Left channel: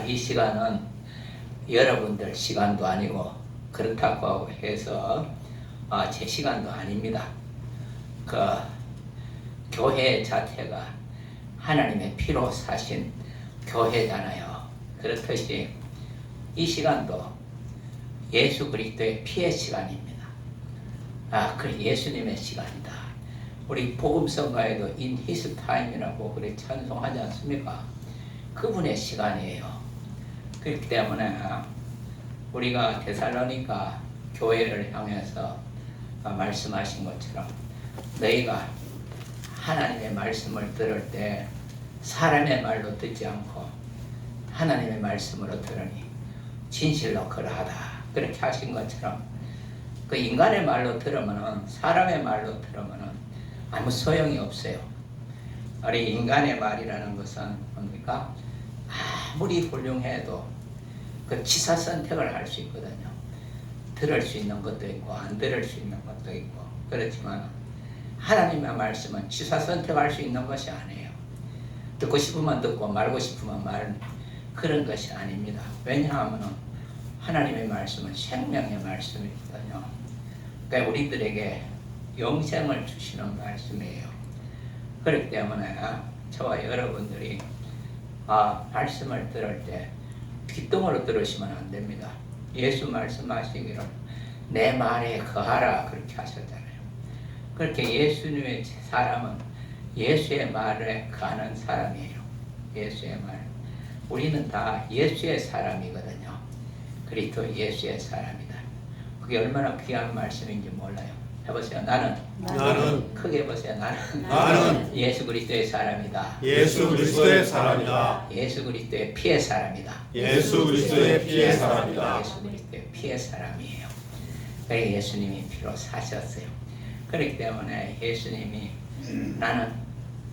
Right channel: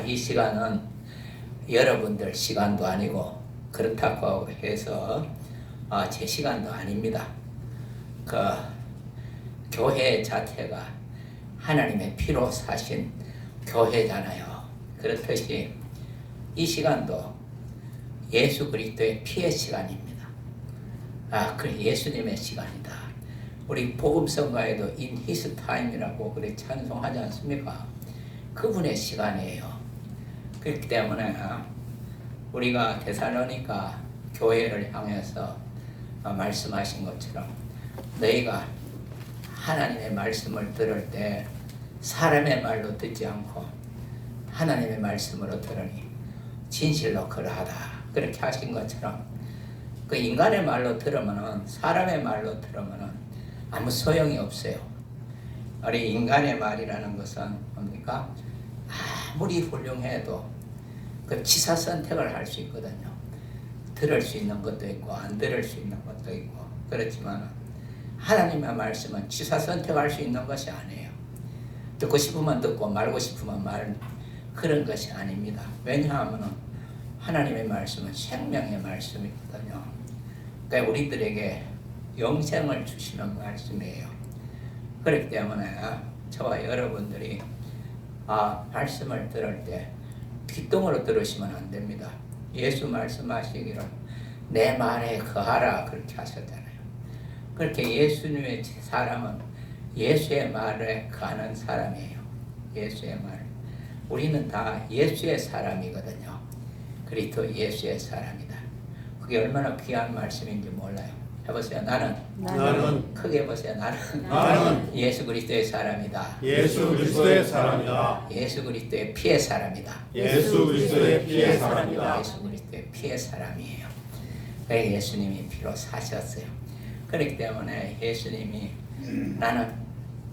이 시간은 여러분들 시간도 아니고 그렇다고 해서 제 시간도 아닙니다. 그 교회 자체가 하나님의 피로 사신 교회잖아요. 그렇듯이 이 시간도 예수 그리스도의 피의 시간입니다. 그 예수님의 시간이다. 우리 복음성가에도 in his time이라고 그렇게 찬송하지 않습니까? 그분의 시간이에요. 그렇기 때문에 우리가 데살로니가 교회를 향해서 말씀하신 것처럼 너희가 하나님의 말씀을 들을 때 사람의 말로 듣지 않고 하나님의 말씀으로 들으니 진실로 그러하다. 그렇게 하신 것처럼 그 인간의 말로 들으면은 사람의 말로 들으면은 아무 소용이 없어요. 우리 인간의 말이라는 것은 뭡니까? 아무리 훌륭해도 그 취사 선택을 할 수 있거든요. 들을 수 있는 것도 있고 안 들을 수 있는 것도 있고 그렇지만 하나님의 말씀은 취사 선택할 수 있는 것이 아니에요. 듣고 싶으면 듣고 말고 싶으면 말 그런 것이 아닙니다. 왜냐하면 하나님의 말씀은 생명의 말씀이거든요. 그러니까 우리들에게 영생을 주시는 말씀이에요. 그렇기 때문에 저와 여러분들이 말씀을 들을 때 귓등으로 들으시면 안 됩니다. 예수 말씀하시기를 내 말에 거하라 그렇게 하셨잖아요. 그렇게 예수님의 사람은 예수의 말에 거하는 사람이에요. 예수의 말. 우리는 다 예수의 사람이거든요. 그리스도 예수의 사람이다. 그게 얼마나 귀한 말씀인지 몰라요. 해보세요. 나는 크게 해보세요. 나는 예수 그리스도의 사람이다. 예수 그리스도의 사람이다. 예수 그리스도의 피의 사람이다. 예수 그리스도의 피의 사람이다. 예수 그리스도의 피의 사람이에요. 그래 예수님이 피로 사셨어요. 그렇기 때문에 예수님이 나는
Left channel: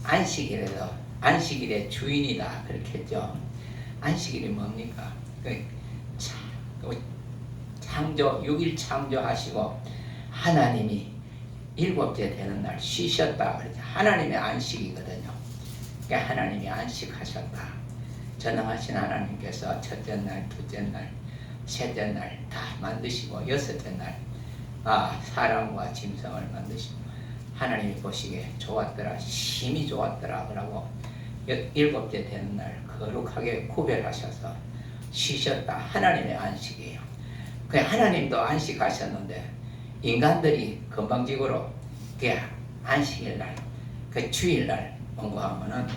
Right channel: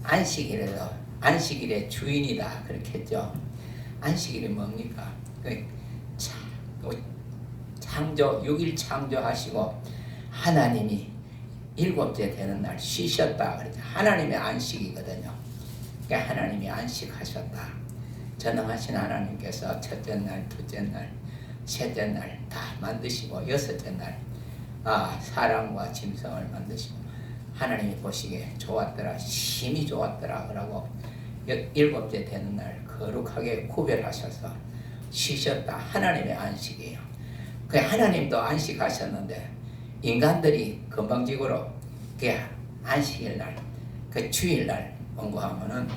안식일의 주인이다 그렇게 했죠. 안식일이 뭡니까? 창조 6일 창조하시고 하나님이 7째 되는 날 쉬셨다 그러죠. 하나님의 안식이거든요. 그러니까 하나님이 안식하셨다. 전능하신 하나님께서 첫째 날, 둘째 날, 셋째 날 다 만드시고 여섯째 날 사람과 짐승을 만드시고 하나님이 보시기에 좋았더라, 심히 좋았더라 그러고 7째 되는 날 거룩하게 구별하셔서 쉬셨다. 하나님의 안식이에요. 그 하나님도 안식하셨는데 인간들이 건방지고로 그 안식일 날, 그 주일 날 원고하면은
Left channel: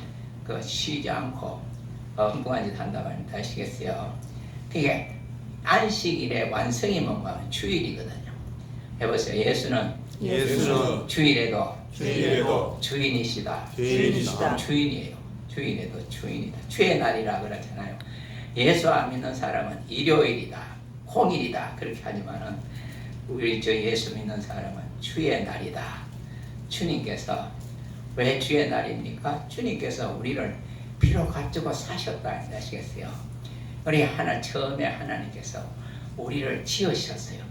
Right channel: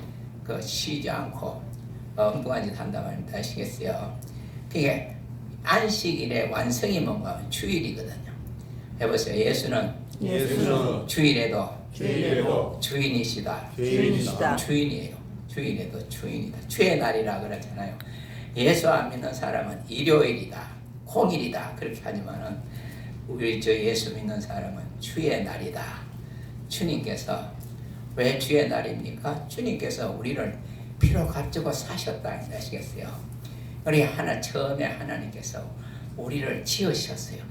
그 쉬지 않고 엉뚱한 짓 한다 말입니다. 아시겠어요? 그게 안식일의 완성이 뭔가 하면 주일이거든요. 해보세요. 예수는 주일에도 주인이시다. 주인이에요. 주일에도 주인이다. 주의 날이라 그러잖아요. 예수 안 믿는 사람은 일요일이다, 공일이다 그렇게 하지만은 우리 예수 믿는 사람은 주의 날이다. 주님께서 왜 주의 날입니까? 주님께서 우리를 피로 값주고 사셨다. 아시겠어요? 우리 처음에 하나님께서 우리를 지으셨어요.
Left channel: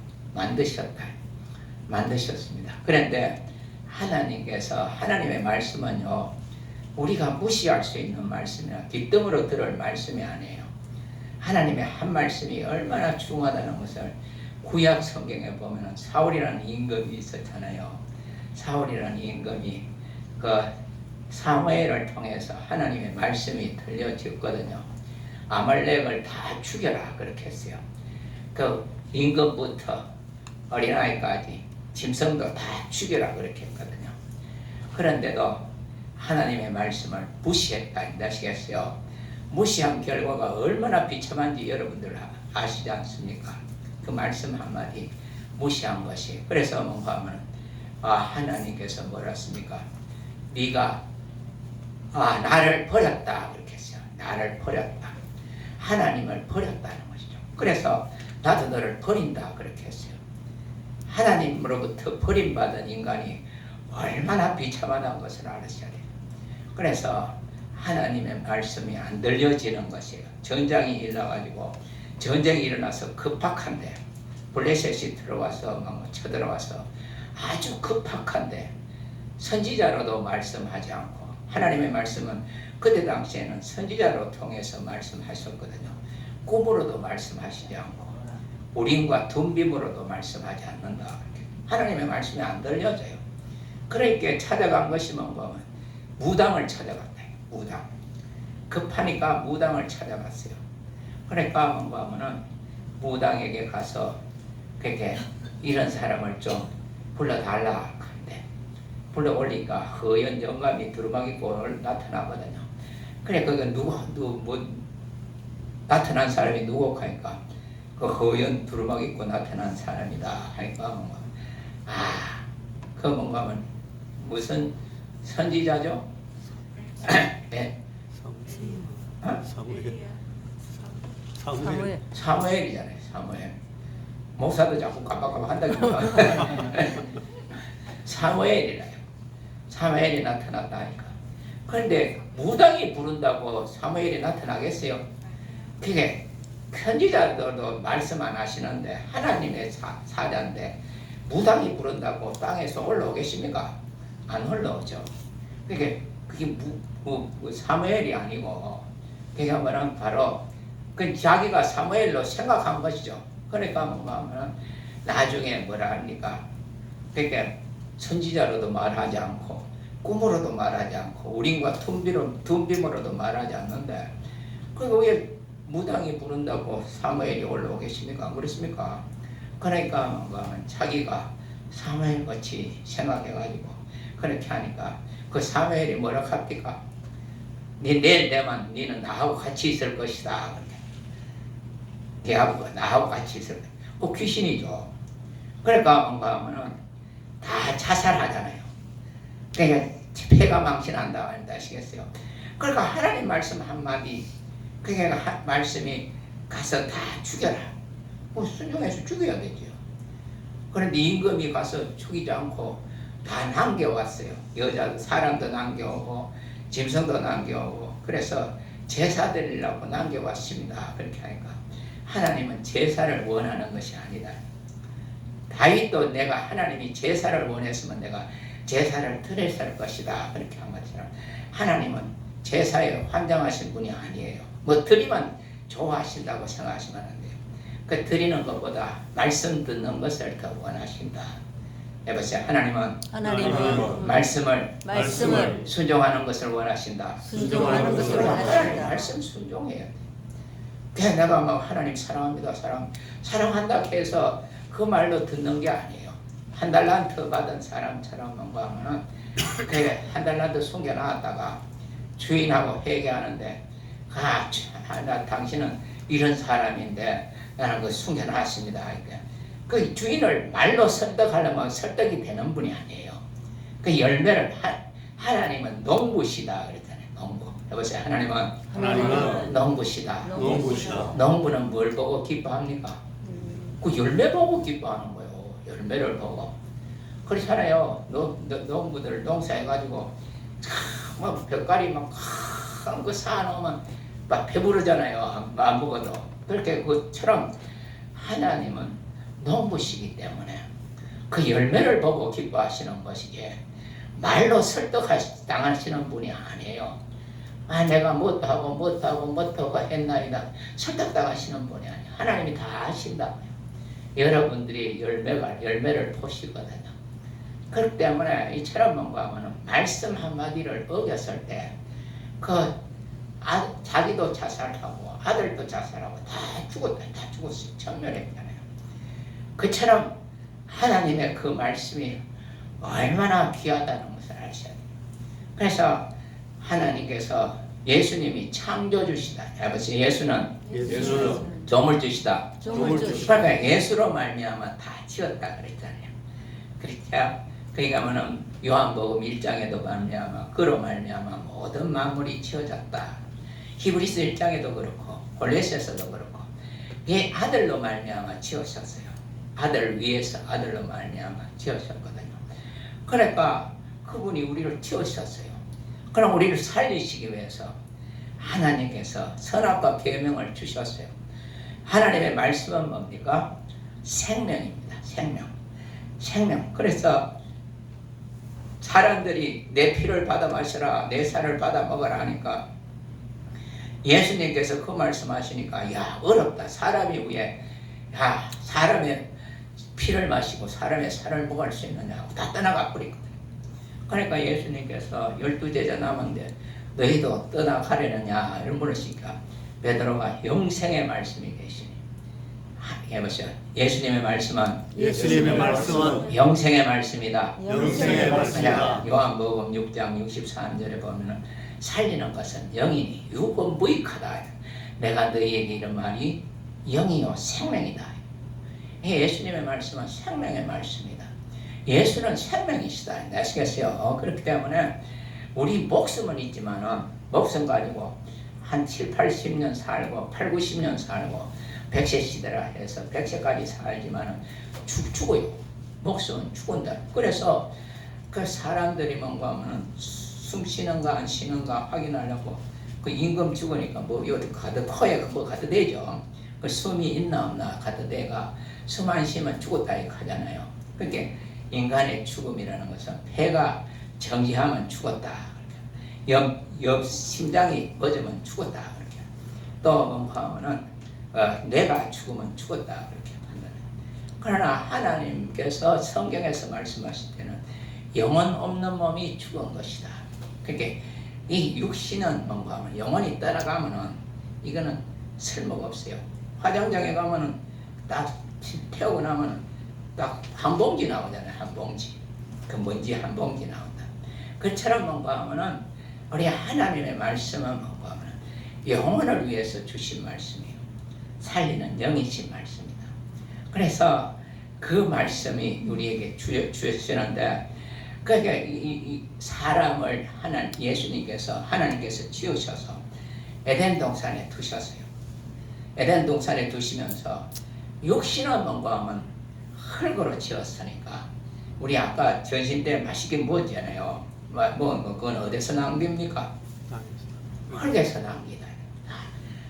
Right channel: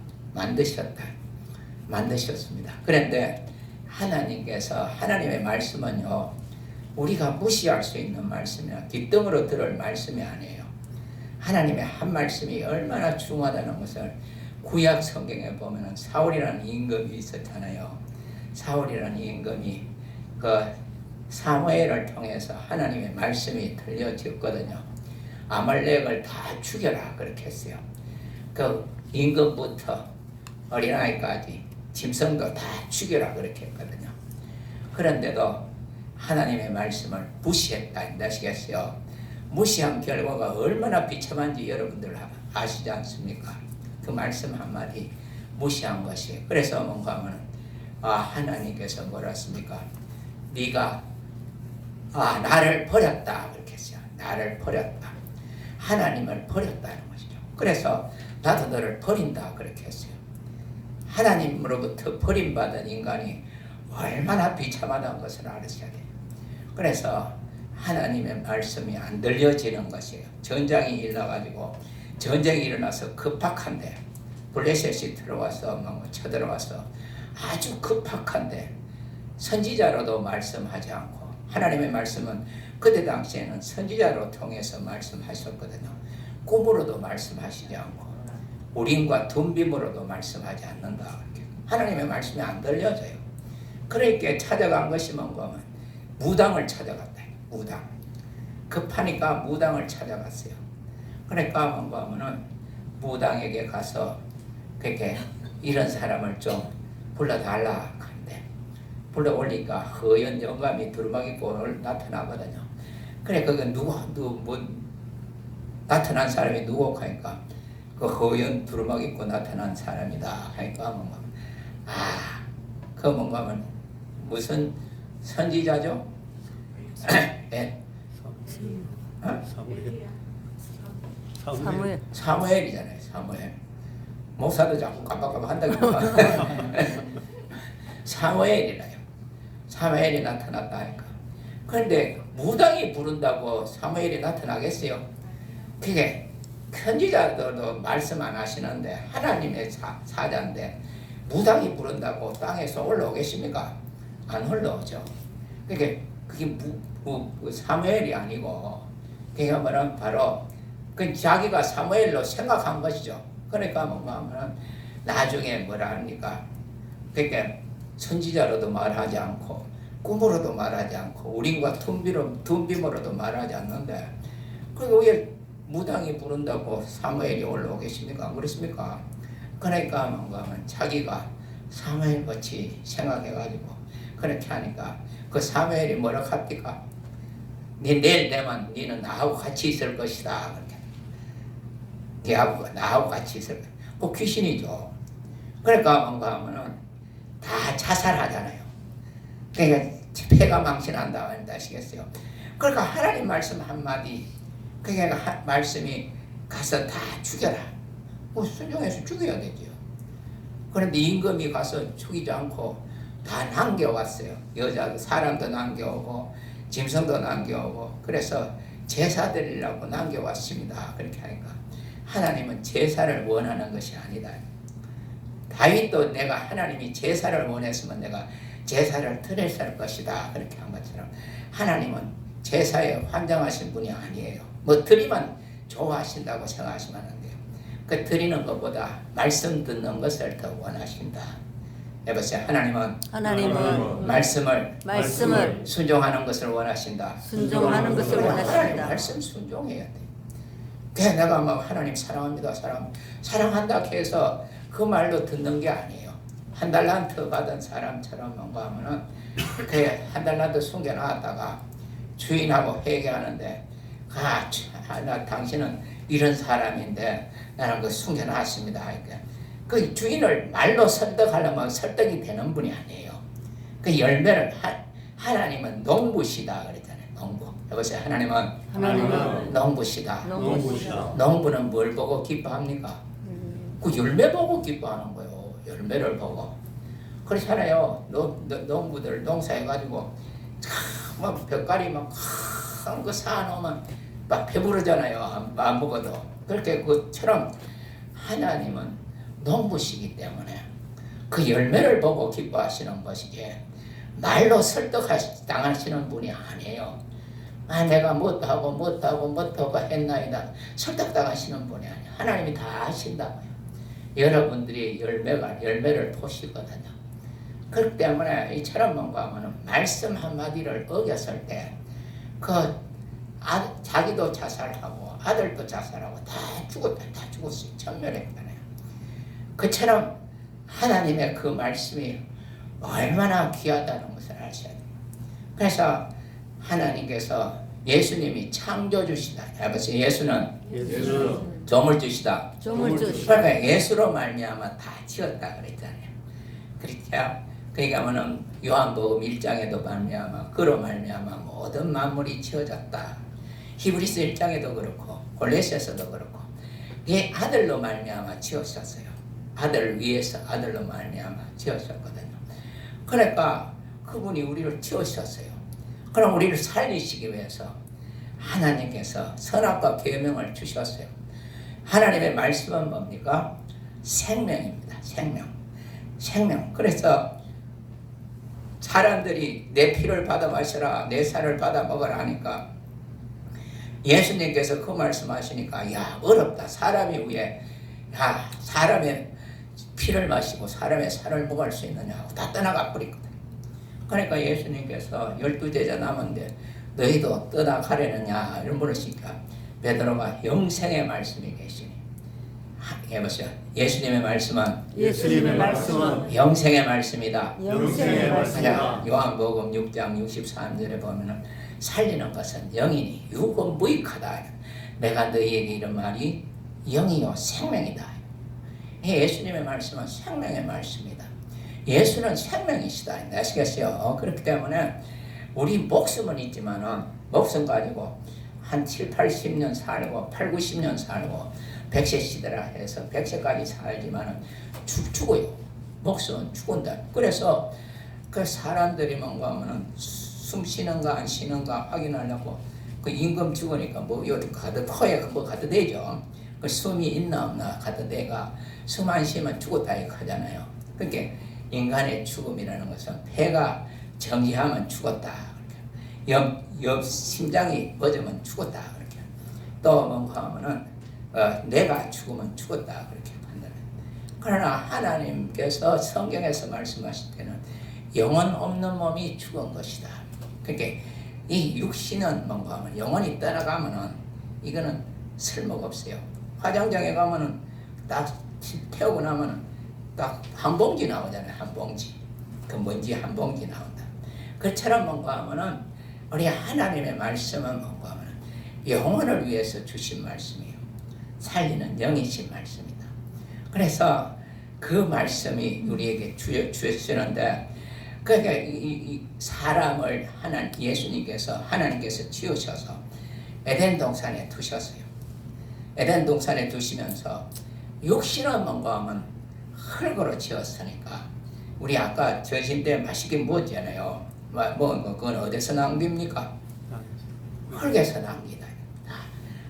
만드셨습니다. 그런데 하나님께서 하나님의 말씀은요, 우리가 무시할 수 있는 말씀이나 뒷등으로 들을 말씀이 아니에요. 하나님의 한 말씀이 얼마나 중요하다는 것을 구약 성경에 보면 사울이라는 임금이 있었잖아요. 사울이라는 임금이 그 사무엘을 통해서 하나님의 말씀이 들려졌거든요. 아말렉을 다 죽여라 그렇게 했어요. 그 임금부터 어린아이까지 짐승도 다 죽여라 그렇게 했거든요. 그런데도 하나님의 말씀을 무시했다. 아시겠어요? 무시한 결과가 얼마나 비참한지 여러분들 아시지 않습니까? 그 말씀 한마디 무시한 것이. 그래서 뭔가 하면 하나님께서 뭐라 했습니까? 네가 나를 버렸다 그렇게 했어요. 나를 버렸다. 하나님을 버렸다는 것이죠. 그래서 나도 너를 버린다 그렇게 했어요. 하나님으로부터 버림받은 인간이 얼마나 비참하다는 것을 알으셔야 돼요. 그래서 하나님의 말씀이 안 들려지는 것이에요. 전쟁이 일어나가지고 전쟁이 일어나서 급박한데 블레셋이 들어와서 막 쳐들어와서 아주 급박한데 선지자로도 말씀하지 않고 하나님의 말씀은 그때 당시에는 선지자로 통해서 말씀하셨거든요. 꿈으로도 말씀하시지 않고 우림과 둔빔으로도 말씀하지 않는다. 이렇게. 하나님의 말씀이 안 들려져요. 그러니까 찾아간 것이 뭔가 무당을 찾아갔다. 무당. 급하니까 무당을 찾아갔어요. 그러니까 뭔가 하면은 무당에게 가서 그렇게 이런 사람을 좀 불러달라 하는데 불러 올리니까 허연 영감이 두루마기 입고 나타나거든요. 그래 그게 뭐 나타난 사람이 누구 하니까 그 허연 두루마기 입고 나타난 사람이다 하니까 뭔가 그 뭔가 하면 무슨 선지자죠? 네. 사무엘이잖아요. 사무엘. 목사도 자꾸 깜빡깜빡 한다니까. 사무엘이라요. 사무엘이 나타났다 하니까. 그런데 무당이 부른다고 사무엘이 나타나겠어요? 그게 편지자들도 말씀 안 하시는데 하나님의 사자인데 무당이 부른다고 땅에서 올라오겠습니까? 안 올라오죠. 그게 사무엘이 아니고 그게 뭐는 바로 그 자기가 사무엘로 생각한 것이죠. 그러니까 뭔가 하면 나중에 뭐라 합니까? 그러니까 선지자로도 말하지 않고 꿈으로도 말하지 않고 우림과 둔빔으로도 말하지 않는데 그게 왜 무당이 부른다고 사무엘이 올라오겠습니까? 안 그렇습니까? 그러니까 뭔가 하면 자기가 사무엘 같이 생각해가지고 그렇게 하니까 그 사무엘이 뭐라고 합니까? 내일 되면 너는 나하고 같이 있을 것이다. 그렇게. 걔하고 나하고 같이 있을 거야. 그 귀신이죠. 그러니까 뭔가 하면은 다 자살하잖아요. 그러니까 폐가 망신한다 아시겠어요? 그러니까 하나님 말씀 한마디 그러니까 말씀이 가서 다 죽여라. 뭐 순종해서 죽여야 되죠. 그런데 임금이 가서 죽이지 않고 다 남겨왔어요. 여자 사람도 남겨오고 짐승도 남겨오고 그래서 제사 드리려고 남겨왔습니다. 그렇게 하니까 하나님은 제사를 원하는 것이 아니다. 다윗도 내가 하나님이 제사를 원했으면 내가 제사를 드렸을 것이다. 그렇게 한 것처럼 하나님은 제사에 환장하신 분이 아니에요. 뭐 드리면 좋아하신다고 생각하시면 안 돼요. 그 드리는 것보다 말씀 듣는 것을 더 원하신다. 해보세요. 하나님은 말씀을 순종하는 것을 원하신다. 순종하는 것을 원하신다. 말씀 순종해야 돼. 그냥 내가 막 하나님 사랑합니다. 사랑한다 해서 그 말로 듣는 게 아니에요. 한 달란트 받은 사람처럼 뭔가 하면은 그래 한 달란트 숨겨놨다가 주인하고 회개하는데 당신은 이런 사람인데 나는 그 숨겨놨습니다. 그 주인을 말로 설득하려면 설득이 되는 분이 아니에요. 그 열매를 하나님은 농부시다 그랬잖아요. 농부. 여보세요. 하나님은 농부시다. 농부는 뭘 보고 기뻐합니까? 그 열매 보고 기뻐하는 거예요. 열매를 보고. 그렇잖아요. 농부들 농사해가지고 막 벽가리 막큰거 사놓으면 막 배부르잖아요. 안 먹어도. 그렇게 그처럼 하나님은 농부시기 때문에 그 열매를 보고 기뻐하시는 것이지 말로 설득당하시는 분이 아니에요. 내가 못하고 했나이다 설득당하시는 분이 아니에요. 하나님이 다 아신다고요. 여러분들이 열매를 보시거든요. 그렇기 때문에 이처럼 뭔가 하면 말씀 한마디를 어겼을 때 자기도 자살하고 아들도 자살하고 다 죽었어요. 전멸했잖아요. 그처럼 하나님의 그 말씀이 얼마나 귀하다는 것을 아셔야 돼요. 그래서 하나님께서 예수님이 창조주시다. 아버지 예수는 조물주시다. 그러니까 예수로 말미암아 다 지었다 그랬잖아요. 그렇죠? 그러니까 뭐는 요한복음 1장에도 말미암아 그로 말미암아 모든 만물이 지어졌다. 히브리서 1장에도 그렇고 골로새서도 그렇고 이 아들로 말미암아 지으셨어요. 아들을 위해서 아들로 말미암아 지으셨거든요. 그러니까 그분이 우리를 지으셨어요. 그럼 우리를 살리시기 위해서 하나님께서 선악과 계명을 주셨어요. 하나님의 말씀은 뭡니까? 생명입니다. 생명. 그래서 사람들이 내 피를 받아 마시라, 내 살을 받아 먹으라 하니까 예수님께서 그 말씀하시니까 야 어렵다. 사람이 위에 야 사람의 피를 마시고 사람의 살을 먹을 수 있느냐고 다 떠나가 버리거든. 그러니까 예수님께서 12제자 남은데 너희도 떠나가려느냐 이런 물으시니까 베드로가 영생의 말씀이 계시니 해보세요. 예수님의 말씀은 영생의 말씀이다. 영생의 말씀이다. 요한복음 6장 63절에 보면은 살리는 것은 영이니 육은 무익하다. 내가 너희에게 이런 말이 영이요 생명이다. 예수님의 말씀은 생명의 말씀이다. 예수는 생명이시다. 아시겠어요? 그렇기 때문에 우리 목숨은 있지만은 목숨 가지고 한 7, 80년 살고 8, 90년 살고 100세 시대라 해서 100세까지 살지만은 죽어요. 목숨은 죽은다. 그래서 그 사람들이 뭔가 하면은 숨 쉬는가 안 쉬는가 확인하려고 그 임금 죽으니까 뭐 여기 가도 코에 그거 가도 되죠. 그 숨이 있나 없나 가도 내가 숨 안 쉬면 죽었다 이렇게 하잖아요. 그러니까 인간의 죽음이라는 것은 폐가 정지하면 죽었다. 옆 심장이 멎으면 죽었다. 그렇게. 또 뭔가 하면은 뇌가 죽으면 죽었다. 그렇게 판단해요. 그러나 하나님께서 성경에서 말씀하실 때는 영혼 없는 몸이 죽은 것이다. 그러니까 이 육신은 뭔가 하면 영혼이 떠나가면은 이거는 쓸모가 없어요. 화장장에 가면은 딱 태우고 나면은 딱 한 봉지 나오잖아요. 한 봉지. 그 먼지 한 봉지 나온다. 그처럼 뭔가 하면은 우리 하나님의 말씀은 뭔가 하면은 영혼을 위해서 주신 말씀이에요. 살리는 영이신 말씀이다. 그래서 그 말씀이 우리에게 주시는데 그러니까 이 사람을 하나님께서 지으셔서 에덴 동산에 두셨어요. 에덴 동산에 두시면서 육신은 뭔가 하면 흙으로 지었으니까 우리 아까 전신 때 맛있게 먹었잖아요. 그건 어디서 나온 겁니까? 흙에서 나온 거다.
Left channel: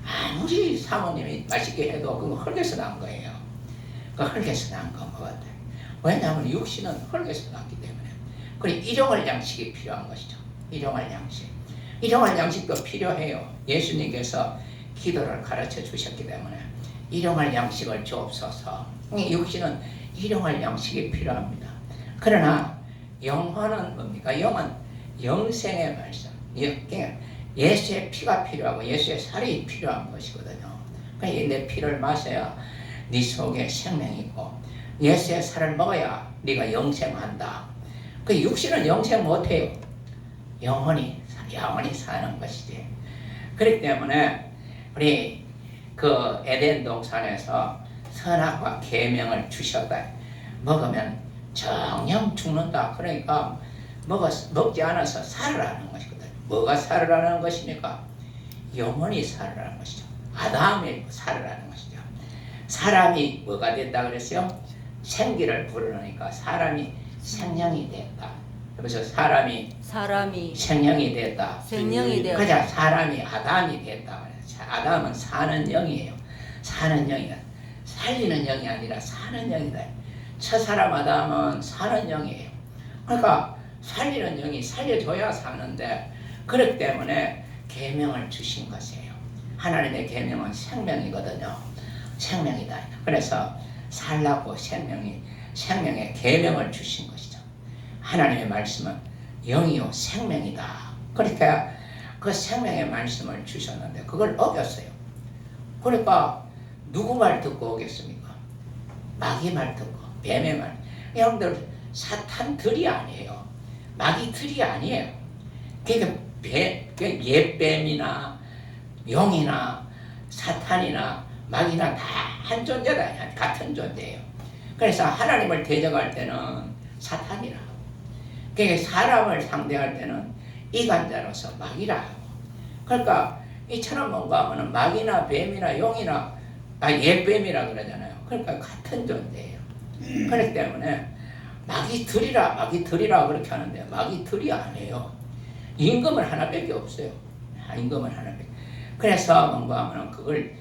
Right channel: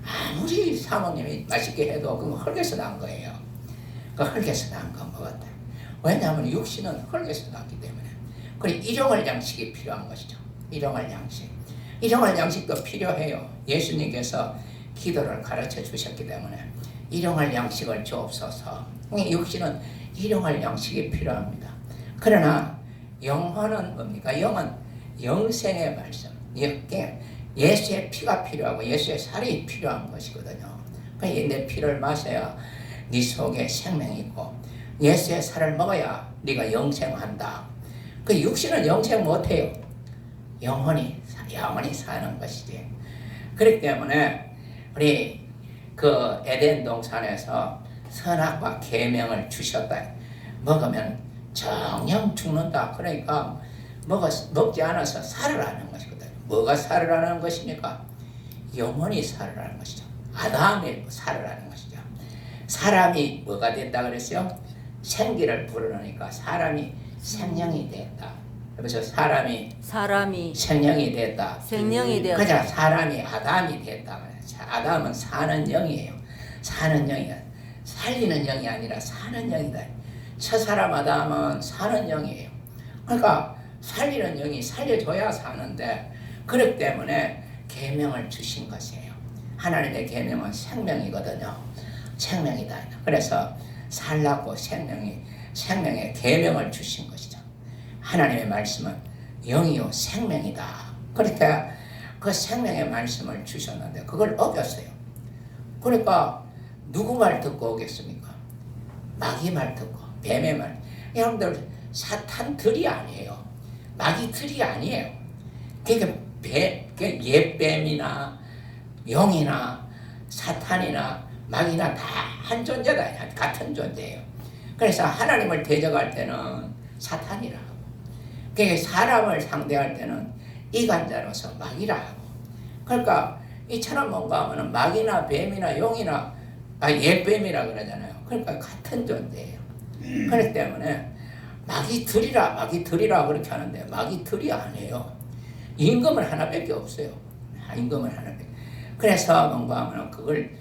아무리 사모님이 맛있게 해도 그건 흙에서 나온 거예요. 그 흙에서 나온 거 먹었다. 왜냐하면 육신은 흙에서 나왔기 때문에. 그리고 일용할 양식이 필요한 것이죠. 일용할 양식. 일용할 양식도 필요해요. 예수님께서 기도를 가르쳐 주셨기 때문에 일용할 양식을 주옵소서. 육신은 일용할 양식이 필요합니다. 그러나 영혼은 뭡니까? 영은 영생의 말씀. 예수의 피가 필요하고 예수의 살이 필요한 것이거든요. 그러니까 내 피를 마셔야 네 속에 생명이 있고 예수의 살을 먹어야 네가 영생한다. 그 육신은 영생 못해요. 영혼이 사는 것이지. 그렇기 때문에 우리 그 에덴 동산에서 선악과 계명을 주셨다. 먹으면 정녕 죽는다. 그러니까 먹지 않아서 살으라는 것이거든. 뭐가 살으라는 것입니까? 영혼이 살으라는 것이죠. 아담이 살으라는 것이죠. 사람이 뭐가 됐다 그랬어요? 생기를 불어넣으니까 사람이 생명이 됐다. 그래서 사람이 생명이 됐다. 그러자 사람이 아담이 됐다. 아담은 사는 영이에요. 사는 영이야. 살리는 영이 아니라 사는 영이다. 첫사람 아담은 사는 영이에요. 그러니까 살리는 영이 살려줘야 사는데 그렇기 때문에 계명을 주신 것이에요. 하나님의 계명은 생명이거든요. 생명이다. 그래서 살라고 생명의 계명을 주신 것이죠. 하나님의 말씀은 영이요 생명이다. 그러니까 그 생명의 말씀을 주셨는데 그걸 어겼어요. 그러니까 누구 말 듣고 오겠습니까? 마귀 말 듣고 뱀의 말. 여러분들 사탄 들이 아니에요. 마귀 들이 아니에요. 그러니까 옛뱀이나 용이나 사탄이나 마귀나 다 한 존재다. 같은 존재예요. 그래서 하나님을 대적할 때는 사탄이라 하고 그러니까 사람을 상대할 때는 이간자로서 마귀라 하고 그러니까 이처럼 뭔가 하면 마귀나 뱀이나 용이나 옛뱀이라 그러잖아요. 그러니까 같은 존재예요. 그렇기 때문에 마귀들이라 그렇게 하는데 마귀들이 아니에요. 임금을 하나밖에 없어요. 임금을 하나밖에. 그래서 뭔가 하면 그걸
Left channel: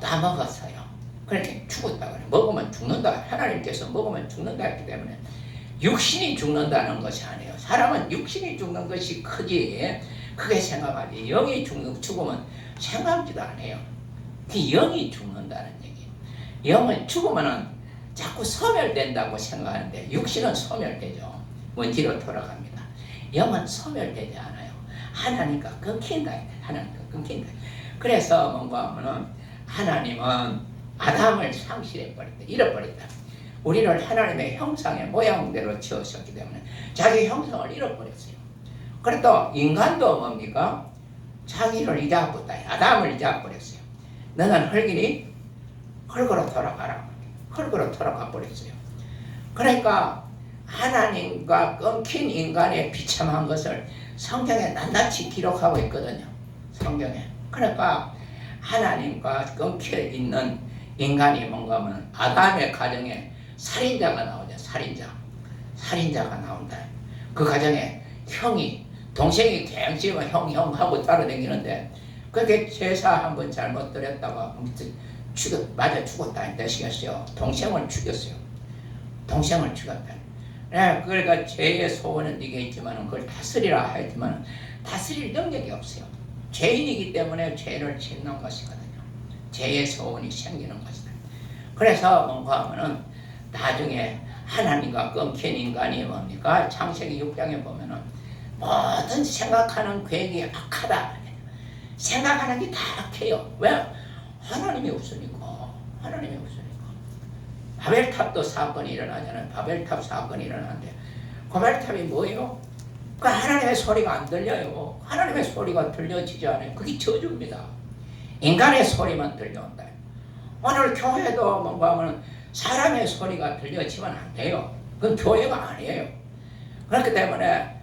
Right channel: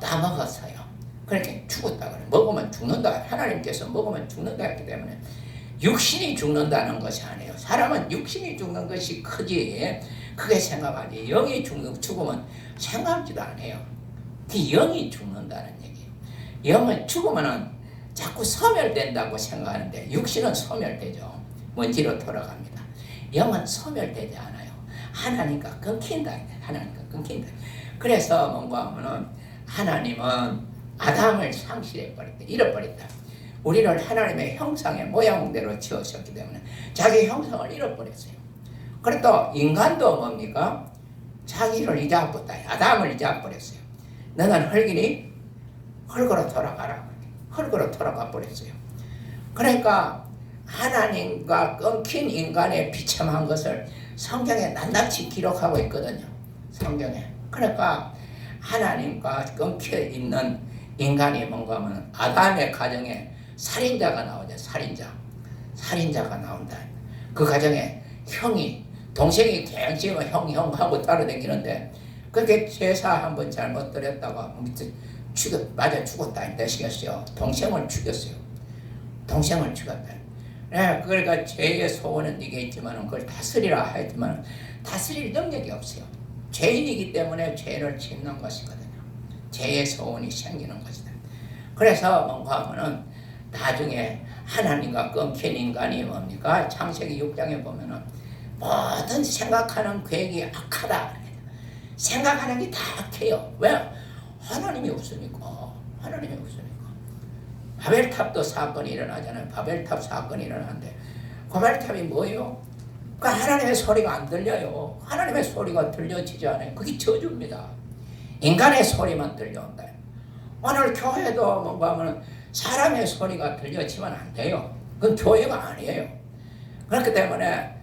따먹었어요. 그렇게 죽었다 그래. 먹으면 죽는다. 하나님께서 먹으면 죽는다 했기 때문에 육신이 죽는다는 것이 아니에요. 사람은 육신이 죽는 것이 크지 크게 생각하지. 영이 죽으면 생각지도 않아요. 그 영이 죽는다는 얘기. 영은 죽으면은 자꾸 소멸된다고 생각하는데 육신은 소멸되죠. 먼지로 돌아갑니다. 영은 소멸되지 않아요. 하나님과 끊긴다. 하나님과 끊긴다. 그래서 뭔가 하면은 하나님은 아담을 상실해버렸다. 잃어버렸다. 우리를 하나님의 형상의 모양대로 지으셨기 때문에 자기 형상을 잃어버렸어요. 그래도 인간도 뭡니까? 자기를 잊어버렸다. 아담을 잊어버렸어요. 너는 흙이니 흙으로 돌아가라. 흙으로 돌아가 버렸어요. 그러니까 하나님과 끊긴 인간의 비참한 것을 성경에 낱낱이 기록하고 있거든요. 성경에. 그러니까 하나님과 끊겨 있는 인간이 뭔가 하면 아담의 가정에 살인자가 나오죠. 살인자가 나온다. 그 가정에 형이 동생이 대양치고 형 하고 따라다니는데 그렇게 제사 한번 잘못 드렸다가 맞아 죽었다. 되시겠어요. 동생을 죽였어요. 네, 그러니까 죄의 소원은 이게 있지만 그걸 다스리라 하였지만 다스릴 능력이 없어요. 죄인이기 때문에 죄를 짓는 것이거든요. 죄의 소원이 생기는 것이다. 그래서 뭔가 하면은 나중에 하나님과 끊긴 인간이 뭡니까? 창세기 6장에 보면은 모든 생각하는 계획이 악하다. 생각하는 게 다 악해요. 왜? 하나님이 없으니까. 바벨탑도 사건이 일어나잖아요. 바벨탑 사건이 일어나는데 바벨탑이 뭐예요? 그 하나님의 소리가 안 들려요. 하나님의 소리가 들려지지 않아요. 그게 저주입니다. 인간의 소리만 들려온다. 오늘 교회도 뭔가 하면 사람의 소리가 들려지면 안 돼요. 그건 교회가 아니에요. 그렇기 때문에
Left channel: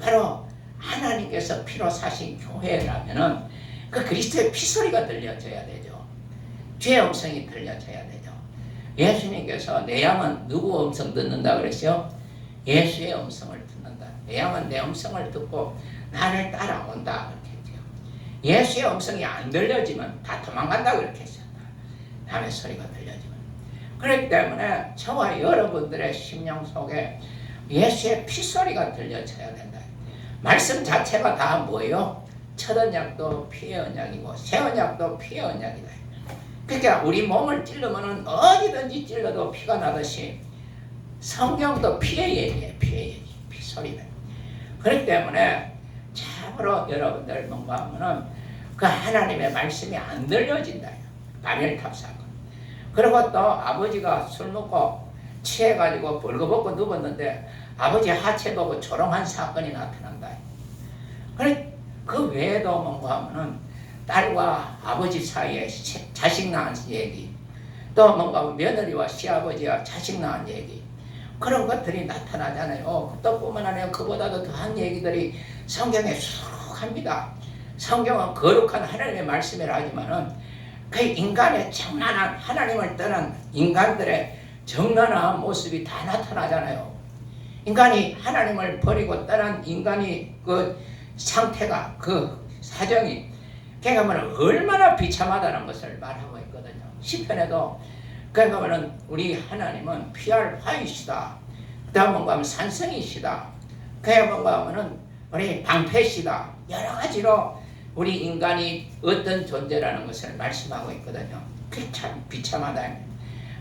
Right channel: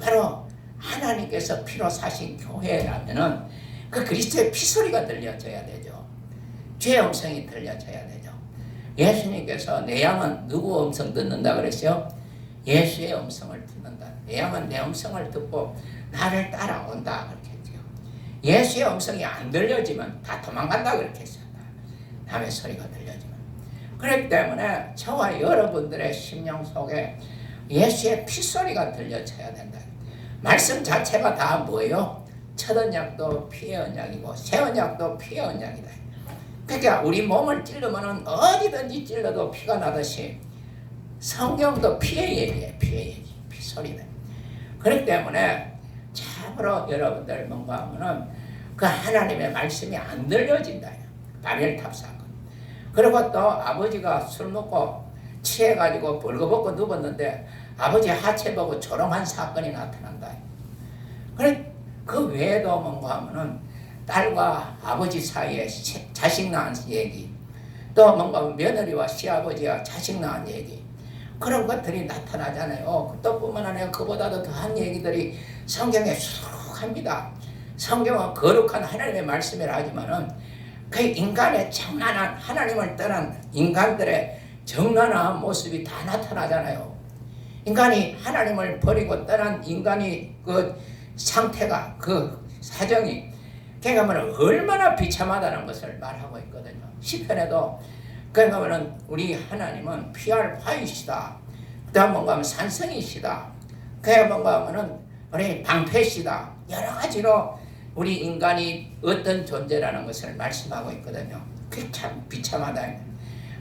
바로 하나님께서 피로 사신 교회라면은 그 그리스도의 피소리가 들려져야 되죠. 죄의 음성이 들려져야 되죠. 예수님께서 내 양은 누구 음성 듣는다 그랬어요? 예수의 음성을 듣는다. 내 양은 내 음성을 듣고 나를 따라온다 그렇게 했죠. 예수의 음성이 안 들려지면 다 도망간다 그렇게 했어요. 남의 소리가 들려지면. 그렇기 때문에 저와 여러분들의 심령 속에 예수의 피소리가 들려져야 된다. 말씀 자체가 다 뭐예요? 첫 언약도 피의 언약이고 새 언약도 피의 언약이다. 그러니까 우리 몸을 찔르면 어디든지 찔러도 피가 나듯이 성경도 피의 얘기예요. 피의 얘기, 피소리다. 그렇기 때문에 참으로 여러분들 뭔가 하면은 그 하나님의 말씀이 안 들려진다. 바벨탑 사건. 그리고 또 아버지가 술 먹고 취해가지고 벌거벗고 누웠는데 아버지 하체 보고 조롱한 사건이 나타난다. 그래 그 외에도 뭔가 하면은 딸과 아버지 사이에 자식 낳은 얘기, 또 뭔가 며느리와 시아버지와 자식 낳은 얘기, 그런 것들이 나타나잖아요. 또 뿐만 아니라 그보다도 더한 얘기들이 성경에 수록합니다. 성경은 거룩한 하나님의 말씀이라 하지만은 그 인간의 정난한 하나님을 떠난 인간들의 정난한 모습이 다 나타나잖아요. 인간이 하나님을 버리고 떠난 인간이 그 상태가 그 사정이 그러니까 얼마나 비참하다는 것을 말하고 있거든요. 시편에도 그러니까 우리 하나님은 피할 화이시다. 또 뭔가 하면 산성이시다. 그야 뭔가 하면은 우리 방패시다. 여러 가지로 우리 인간이 어떤 존재라는 것을 말씀하고 있거든요. 그게 참 비참하다.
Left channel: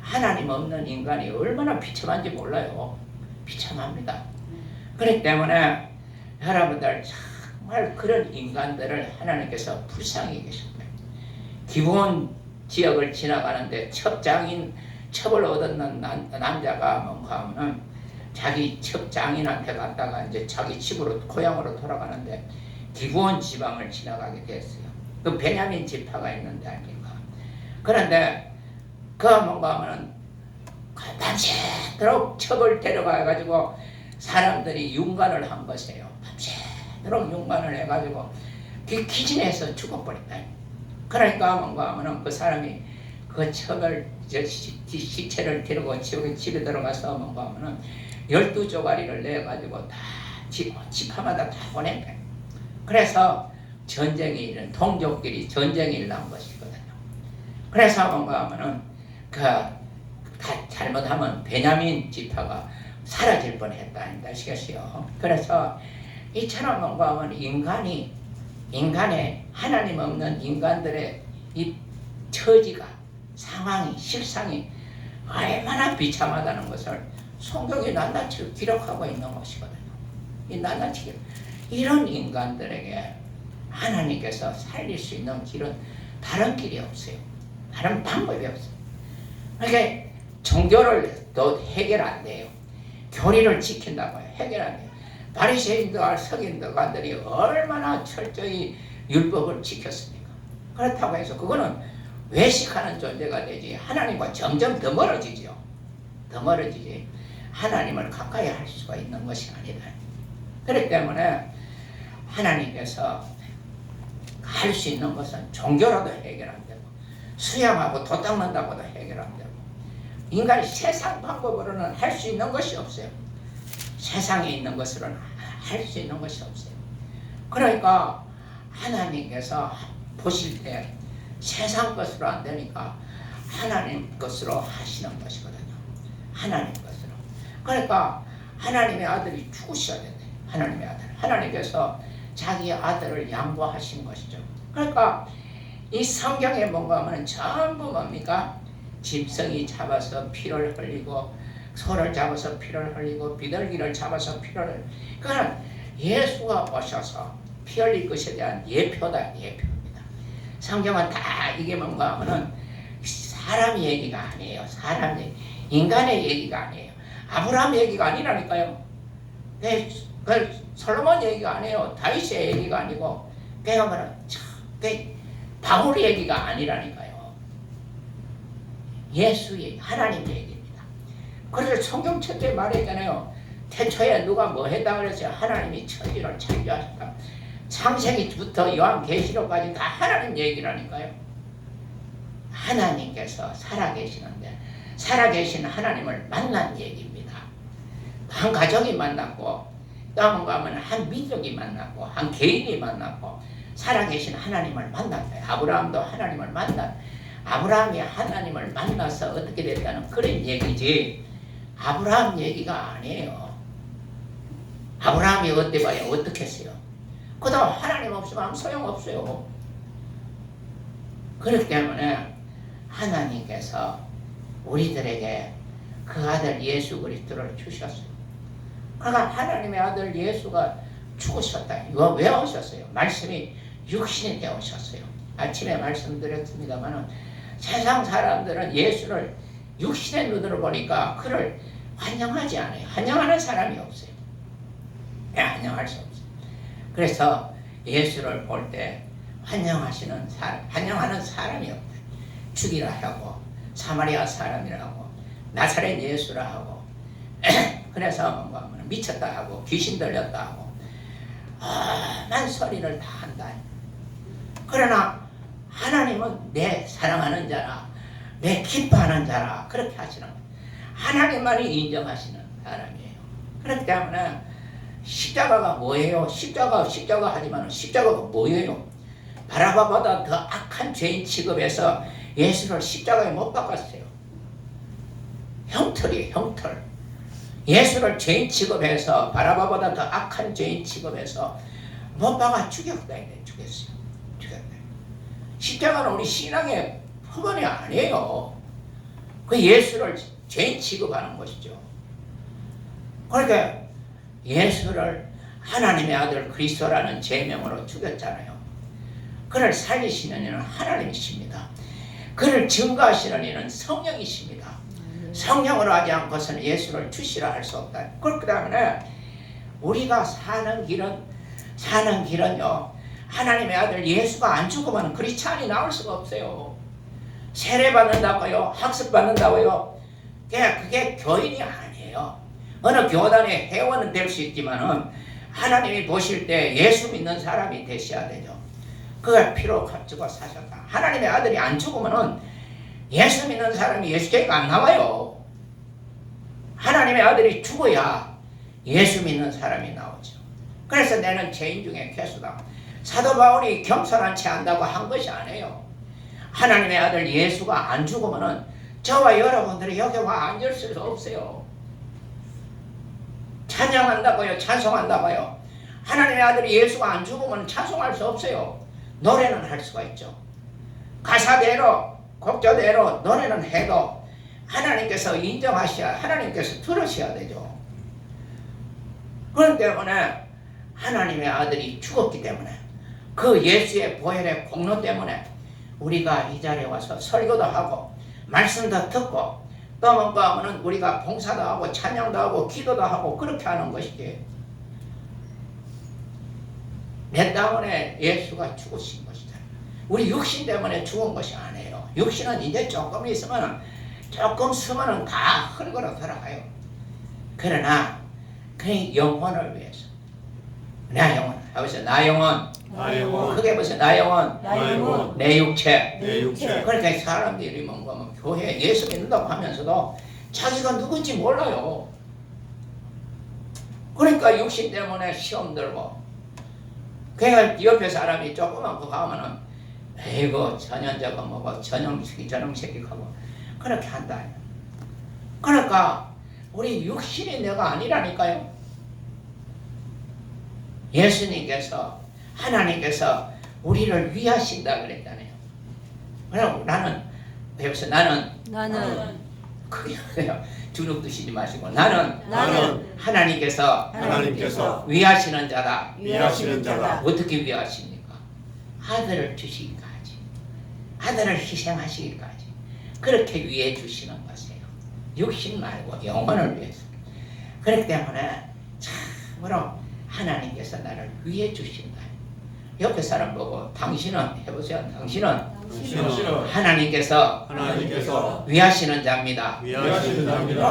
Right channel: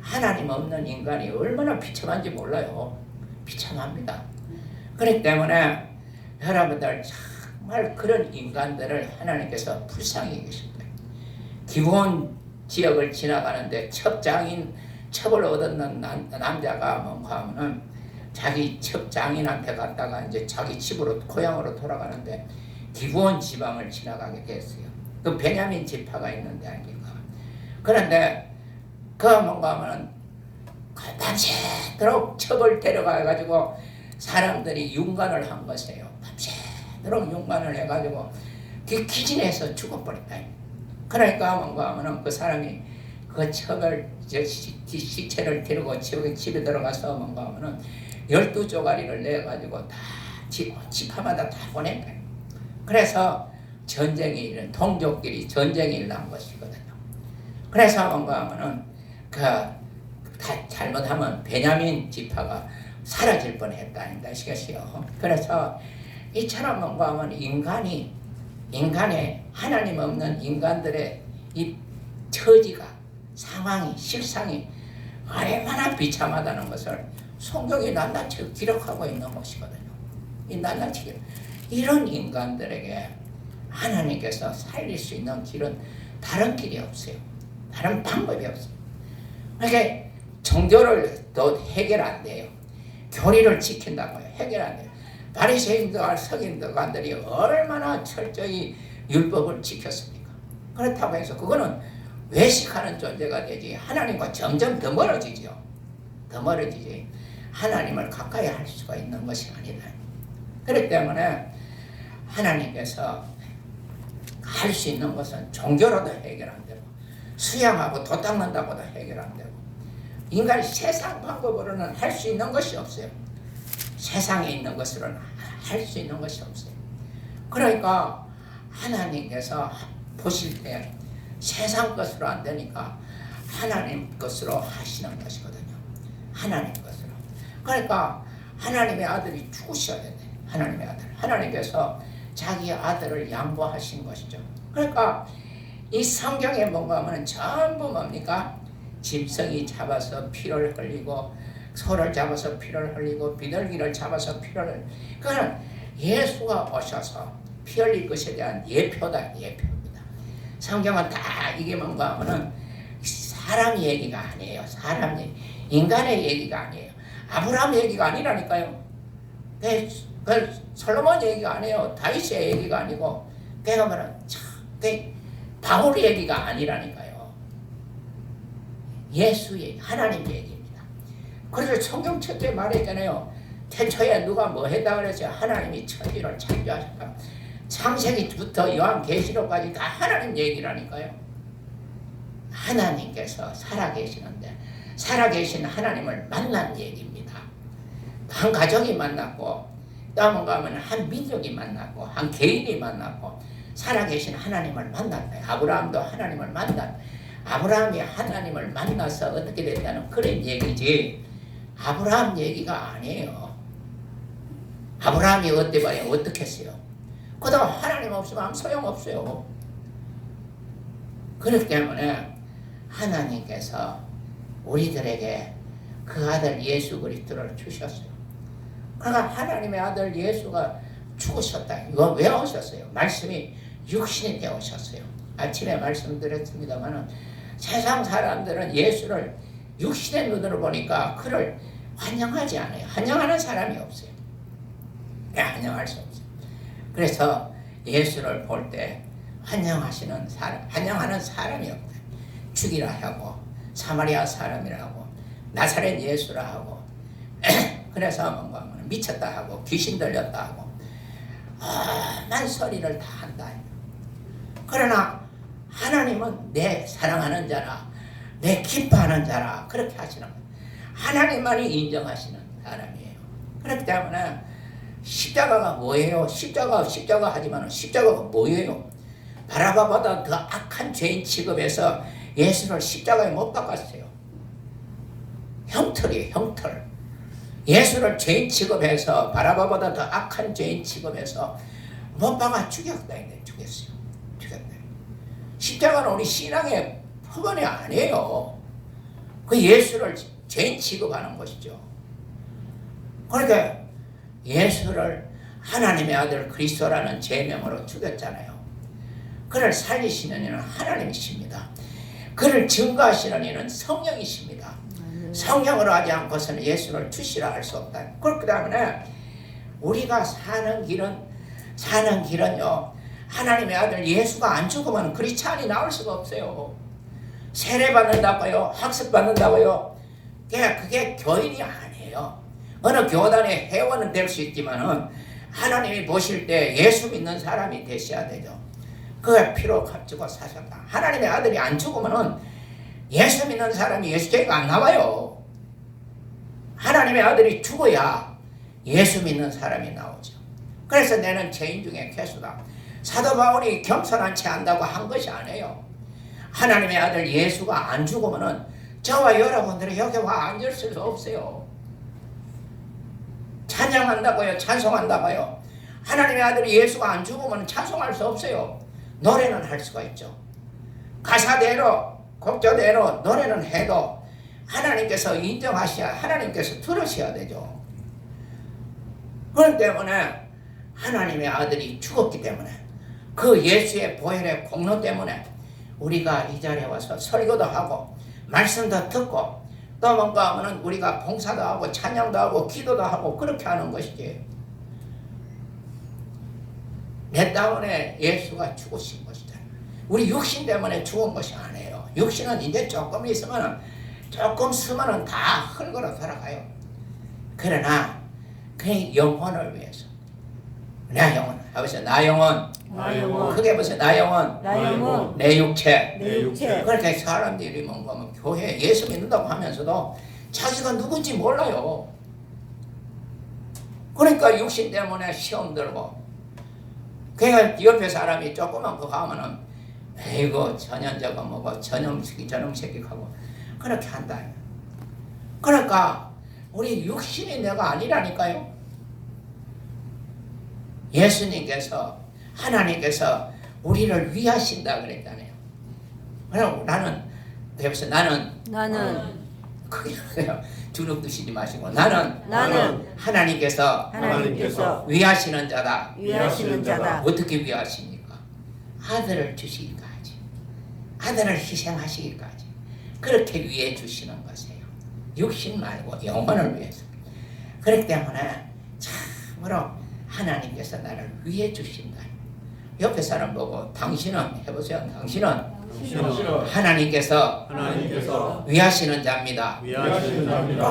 하나님 없는 인간이 얼마나 비참한지 몰라요. 비참합니다. 그렇기 때문에 여러분들 정말 그런 인간들을 하나님께서 불쌍히 계십니다. 기본 지역을 지나가는데 첩을 얻었는 남자가 뭔가 하면 자기 첩장인한테 갔다가 이제 자기 집으로 고향으로 돌아가는데 기브온 지방을 지나가게 됐어요. 그 베냐민 지파가 있는데 아닙니까? 그런데 그 뭔가 하면은 밤새도록 첩을 데려가가지고 사람들이 윤관을 한 것이에요. 밤새도록 윤관을 해가지고 기진해서 죽어버렸다. 그러니까 뭔가 하면은 그 사람이 그 첩을 시체를 데리고 집에 들어가서 뭔가 하면은 12조가리를 내가지고 다 집화마다 다 보낸다. 그래서 전쟁이 일어난 동족끼리 전쟁이 일어난 것이거든요. 그래서 뭔가 하면은 잘못하면 베냐민 지파가 사라질 뻔했다 아시겠어요? 그래서 이처럼 뭔가 하면 인간이 인간의 하나님 없는 인간들의 이 처지가 상황이 실상이 얼마나 비참하다는 것을 성경이 낱낱이 기록하고 있는 것이거든요. 이 낱낱이 기록. 이런 인간들에게 하나님께서 살릴 수 있는 길은 다른 길이 없어요. 다른 방법이 없어요. 그러니까 종교를 또 해결 안 돼요. 교리를 지킨다고 해요. 해결 안 돼요. 바리새인들, 서기관들이 얼마나 철저히 율법을 지켰습니까? 그렇다고 해서 그거는 외식하는 존재가 되지 하나님과 점점 더 멀어지죠. 더 멀어지지 하나님을 가까이 할 수가 있는 것이 아니다. 그렇기 때문에 하나님께서 할 수 있는 것은 종교라도 해결 안 되고 수양하고 도 닦는다고도 해결 안 되고 인간이 세상 방법으로는 할 수 있는 것이 없어요. 세상에 있는 것으로는 할 수 있는 것이 없어요. 그러니까 하나님께서 보실 때 세상 것으로 안 되니까 하나님 것으로 하시는 것이거든요. 하나님 것으로. 그러니까 하나님의 아들이 죽으셔야 된대. 하나님의 아들. 하나님께서 자기 아들을 양보하신 것이죠. 그러니까 이 성경에 뭔가 하면 전부 뭡니까? 짐승이 잡아서 피를 흘리고 소를 잡아서 피를 흘리고 비둘기를 잡아서 피를 흘리고 그거는 예수가 오셔서 피 흘릴 것에 대한 예표다. 예표입니다. 성경은 다 이게 뭔가 하면 사람 얘기가 아니에요. 사람 얘기. 인간의 얘기가 아니에요. 아브라함 얘기가 아니라니까요. 그 솔로몬 얘기가 아니에요. 다윗의 얘기가 아니고 내가 말하는 바울 얘기가 아니라니까요. 예수 얘기, 하나님 얘기입니다. 그래서 성경 첫째 말했잖아요. 태초에 누가 뭐 했다 그랬어요. 하나님이 천지를 창조하셨다. 창세기부터 요한계시록까지 다 하나님 얘기라니까요. 하나님께서 살아계시는데 살아계신 하나님을 만난 얘기입니다. 한 가정이 만났고 또 뭔가 하면 한 민족이 만났고 한 개인이 만났고 살아계신 하나님을 만났어요. 아브라함도 하나님을 만났어요. 아브라함이 하나님을 만나서 어떻게 됐다는 그런 얘기지 아브라함 얘기가 아니에요. 아브라함이 어때 봐요? 어떻게 했어요? 그동안 하나님 없으면 아무 소용없어요. 그렇기 때문에 하나님께서 우리들에게 그 아들 예수 그리스도를 주셨어요. 그러니까 하나님의 아들 예수가 죽으셨다. 이거 왜 오셨어요? 말씀이 육신이 되어 오셨어요. 아침에 말씀드렸습니다만 세상 사람들은 예수를 육신의 눈으로 보니까 그를 환영하지 않아요. 환영하는 사람이 없어요. 환영할 수 없어요. 그래서 예수를 볼 때 환영하시는 사람, 환영하는 사람이 없다. 죽이라 하고 사마리아 사람이라 하고 나사렛 예수라 하고 그래서 뭔가 미쳤다 하고 귀신 들렸다 하고 만 소리를 다 한다. 그러나 하나님은 내 사랑하는 자라 내 기뻐하는 자라 그렇게 하시는 거예요. 하나님만이 인정하시는 사람이에요. 그렇기 때문에 십자가가 뭐예요? 십자가 하지만 십자가가 뭐예요? 바라바보다 더 악한 죄인 취급해서 예수를 십자가에 못 박았어요. 형틀이에요. 형틀. 예수를 죄인 취급해서 바라바보다 더 악한 죄인 취급해서 못 박아 죽였다. 죽였어요. 죽였다. 십자가는 우리 신앙의 표본이 아니에요. 그 예수를 죄인 취급하는 것이죠. 그러니까 예수를 하나님의 아들 그리스도라는 제명으로 죽였잖아요. 그를 살리시는 이는 하나님이십니다. 그를 증거하시는 이는 성령이십니다. 성령으로 하지 않고서는 예수를 주시라 할 수 없다. 그렇기 때문에 우리가 사는 길은요 하나님의 아들 예수가 안 죽으면 크리스찬이 나올 수가 없어요. 세례 받는다고요, 학습 받는다고요. 그게 교인이 아니에요. 어느 교단의 회원은 될 수 있지만 하나님이 보실 때 예수 믿는 사람이 되셔야 되죠. 그걸 피로 값주고 사셨다. 하나님의 아들이 안 죽으면 예수 믿는 사람이 예수교회가 안 나와요. 하나님의 아들이 죽어야 예수 믿는 사람이 나오죠. 그래서 나는 죄인 중에 괴수다. 사도 바울이 겸손한 채 한다고 한 것이 아니에요. 하나님의 아들 예수가 안 죽으면 저와 여러분들이 여기 와 앉을 수 없어요. 찬양한다고요, 찬송한다고요. 하나님의 아들이 예수가 안 죽으면 찬송할 수 없어요. 노래는 할 수가 있죠. 가사대로 곡조대로 노래는 해도 하나님께서 인정하셔야, 하나님께서 들으셔야 되죠. 그렇기 때문에 하나님의 아들이 죽었기 때문에, 그 예수의 보혈의 공로 때문에 우리가 이 자리에 와서 설교도 하고 말씀도 듣고 또 뭔가 하면은 우리가 봉사도 하고 찬양도 하고 기도도 하고 그렇게 하는 것이지. 내 때문에 예수가 죽으신 것이다. 우리 육신 때문에 죽은 것이 아니에요. 육신은 이제 조금 있으면, 조금 쓰면은 다 흙으로 돌아가요. 그러나 그 영혼을 위해서, 내 영혼, 해보세요. 나 영혼, 나 영혼, 크게 보세요. 나 영혼, 나 영혼, 내 육체. 내 육체. 그렇게 사람들이 뭔가 뭐 교회 예수 믿는다고 하면서도 자기가 누군지 몰라요. 그러니까 육신 때문에 시험 들고, 그러니까 옆에 사람이 조그만 거 가면은 에이고 전현자가 뭐고 전염새끼 하고 그렇게 한다. 그러니까 우리 육신이 내가 아니라니까요. 예수님께서, 하나님께서 우리를 위하신다 그랬잖아요. 그럼 나는, 여기서 나는 크게 주눅 드시지 마시고, 나는 하나님께서 위하시는 자다. 위하시는 자다. 어떻게 위하십니까? 아들을 주시기까지, 아들을 희생하시기까지 그렇게 위해 주시는 것이에요. 육신 말고 영혼을 위해서. 그렇기 때문에 참으로 하나님께서 나를 위해 주신다. 옆에 사람 보고 당신은, 해보세요. 당신은 하나님께서 위하시는 자입니다.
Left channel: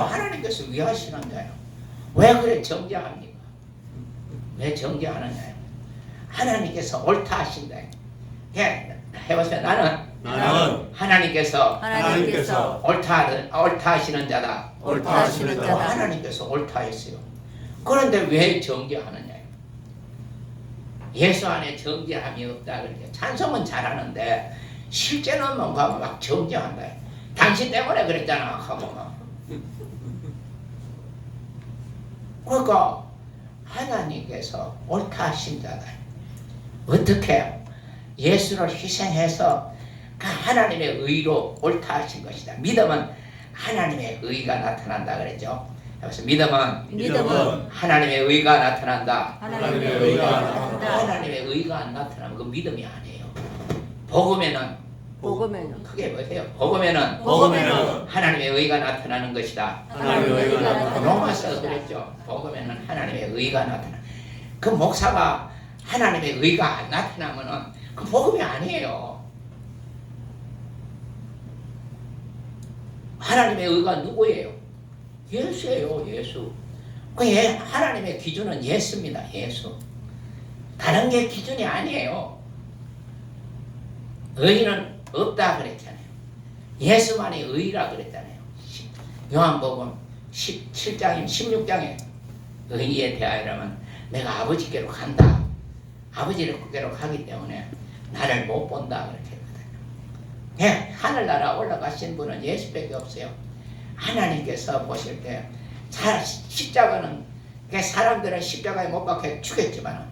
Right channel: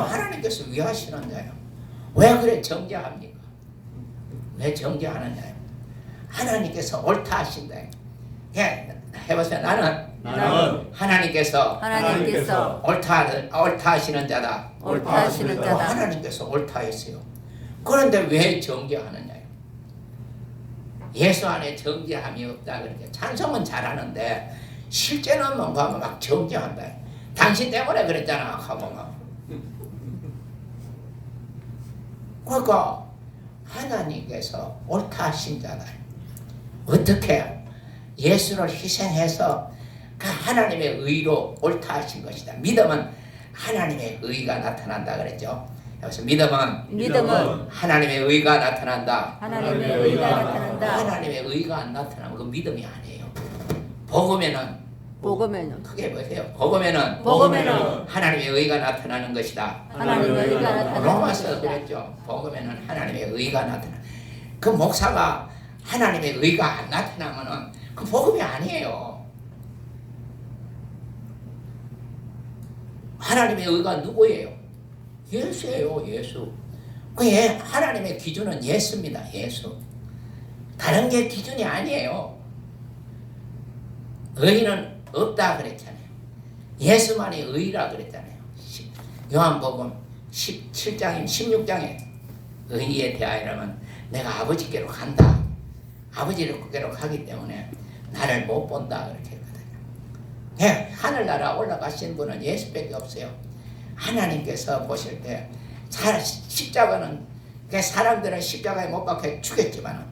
하나님께서 위하시는 자예요. 왜 그래 정죄합니까? 왜 정죄하느냐요? 하나님께서 옳다 하신다. 해보세요. 나는 하나님께서 옳다 하시는 자다. 옳다 하시는 또 자다. 하나님께서 옳다 했어요. 그런데 왜 정죄하느냐요? 예수 안에 정죄함이 없다. 그러니까 찬송은 잘하는데 실제는 뭔가 막 정죄한다. 당신 때문에 그랬잖아 하고 막. 그러니까 하나님께서 옳다 하신 자다. 어떻게? 예수를 희생해서 그 하나님의 의로 옳다 하신 것이다. 믿음은 하나님의 의가 나타난다 그랬죠. 그래서 믿음은 하나님의 의가 나타난다. 하나님의 의가 나타난다. 하나님의 의가 안 나타나면 그 믿음이 아니에요. 복음에는 크게 보세요. 복음에는 하나님의 의가 나타나는 것이다. 하나님의 의가 나타난다. 로마서 그랬죠. 복음에는 하나님의 의가 나타나. 그 목사가 하나님의 의가 안 나타나면은 그 복음이 아니에요. 하나님의 의가 누구예요? 예수예요. 예수. 그 하나님의 기준은 예수입니다. 예수. 다른 게 기준이 아니에요. 의는 없다 그랬잖아요. 예수만이 의라 그랬잖아요. 요한복음 17장인 16장에 의에 대하여라면 내가 아버지께로 간다. 아버지께로 가기 때문에 나를 못 본다 그렇게 했거든요. 하늘나라 올라가신 분은 예수밖에 없어요. 하나님께서 보실 때 십자가는 사람들은 십자가에 못 박혀 죽였지만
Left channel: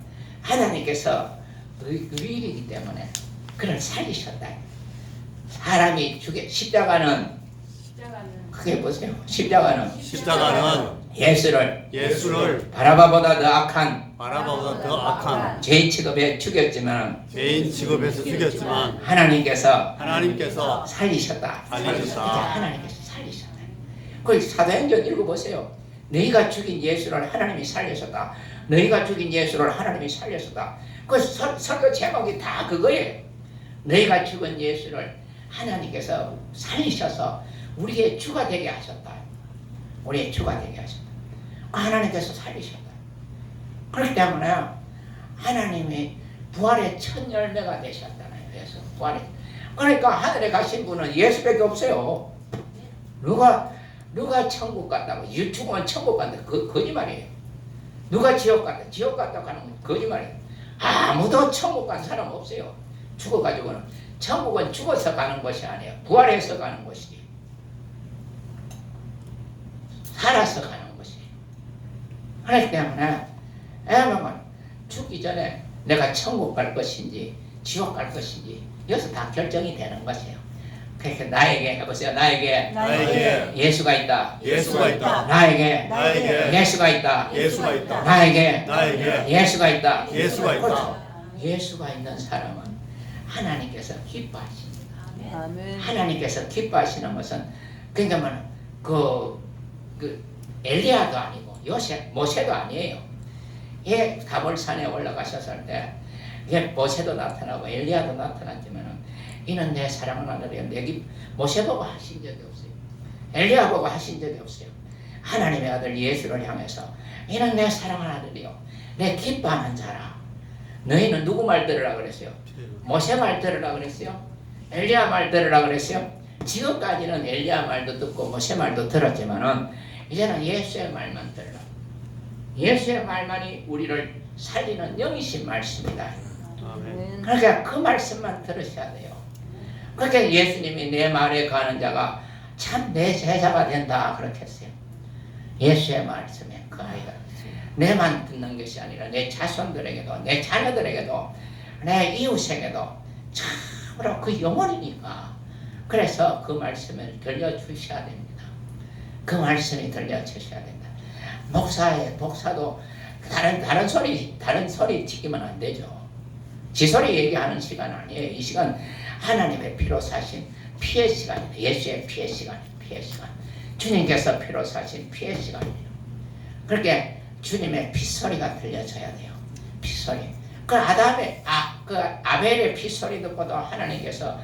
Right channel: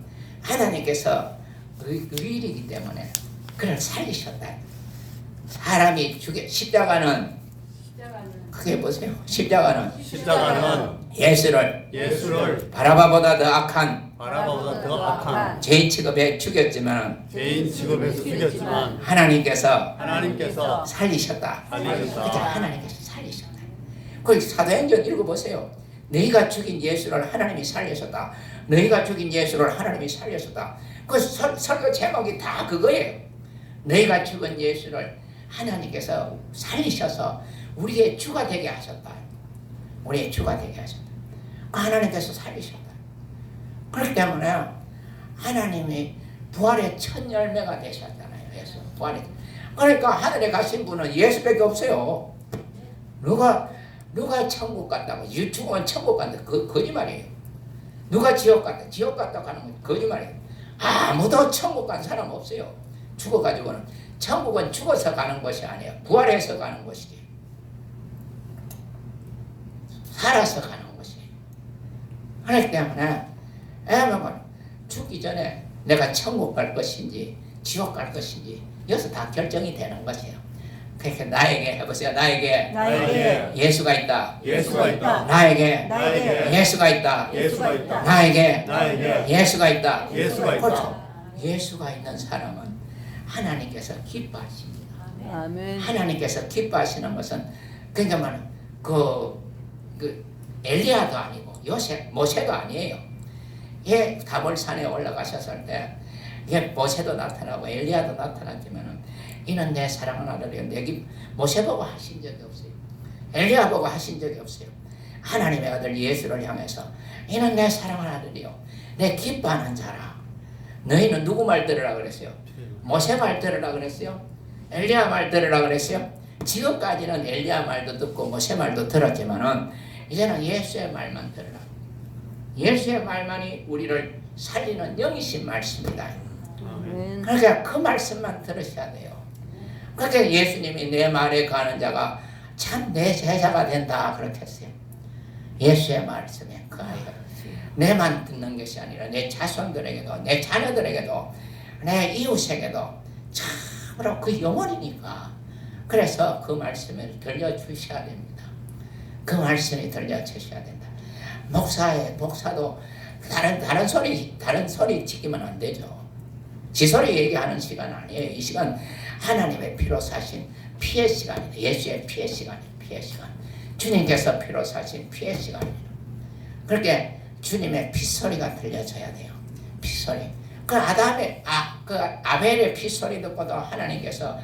하나님께서 의인이기 때문에 그를 살리셨다. 사람이 십자가는 크게 보세요. 십자가는 예수를 바라바보다 더 악한 죄인 취급에 죽였지만 하나님께서 살리셨다. 하나님께서 살리셨다. 그 사도행전 읽어보세요. 너희가 죽인 예수를 하나님이 살리셨다. 너희가 죽인 예수를 하나님이 살리셨다. 그 설교 제목이 다 그거예요. 너희가 죽은 예수를 하나님께서 살리셔서 우리의 주가 되게 하셨다. 우리의 주가 되게 하셨다. 하나님께서 살리셨다. 그렇기 때문에 하나님이 부활의 첫 열매가 되셨잖아요. 예수 부활의. 그러니까 하늘에 가신 분은 예수밖에 없어요. 누가 천국 갔다고 죽으면 천국 간다. 거짓말이에요. 누가 지옥 갔다고 하는 건 거짓말이에요. 아무도 천국 간 사람 없어요. 죽어가지고는. 천국은 죽어서 가는 것이 아니에요. 부활해서 가는 것이지. 살아서 가는 것이에요. 그렇기 때문에 죽기 전에 내가 천국 갈 것인지 지옥 갈 것인지 여기서 다 결정이 되는 것이에요. 그러니까 나에게 해보세요. 나에게 예수가 있다. 예수가 있다. 나에게 나에게 예수가 있다. 예수가 있다. 나에게 나에게 예수가 있다. 예수가 있다. 그렇죠. 예수가 있는 사람은 하나님께서 기뻐하십니다. 아멘. 하나님께서 기뻐하시는 것은 그러니까 그 엘리야도 아니고 모세도 아니에요. 예, 다볼산에 올라가셨을 때 예, 모세도 나타나고 엘리야도 나타났지만은 이는 내 사랑하는 아들이요. 모세 보고 하신 적이 없어요. 엘리야 보고 하신 적이 없어요. 하나님의 아들 예수를 향해서 이는 내 사랑하는 아들이요. 내 기뻐하는 자라. 너희는 누구 말 들으라 그랬어요? 모세 말 들으라 그랬어요? 엘리야 말 들으라 그랬어요? 지금까지는 엘리야 말도 듣고 모세 말도 들었지만은 이제는 예수의 말만 들으라. 예수의 말만이 우리를 살리는 영이신 말씀이다. 아멘. 그러니까 그 말씀만 들으셔야 돼요. 그러니까 예수님이 내 말에 가는 자가 참 내 제자가 된다 그렇게 했어요. 예수의 말씀에 그하여 내만 듣는 것이 아니라 내 자손들에게도 내 자녀들에게도 내 이웃에게도 참으로 그 영혼이니까 그래서 그 말씀을 들려주셔야 됩니다. 그 말씀이 들려주셔야 된다. 목사도 다른 소리 지키면 안 되죠. 지 소리 얘기하는 시간 아니에요. 이 시간 하나님의 피로 사신 피의 시간이에요. 예수의 피의 시간이에요. 피의 시간. 주님께서 피로 사신 피의 시간이에요. 그렇게 주님의 피소리가 들려져야 돼요. 피소리. 그 아벨의 피소리 듣고도 하나님께서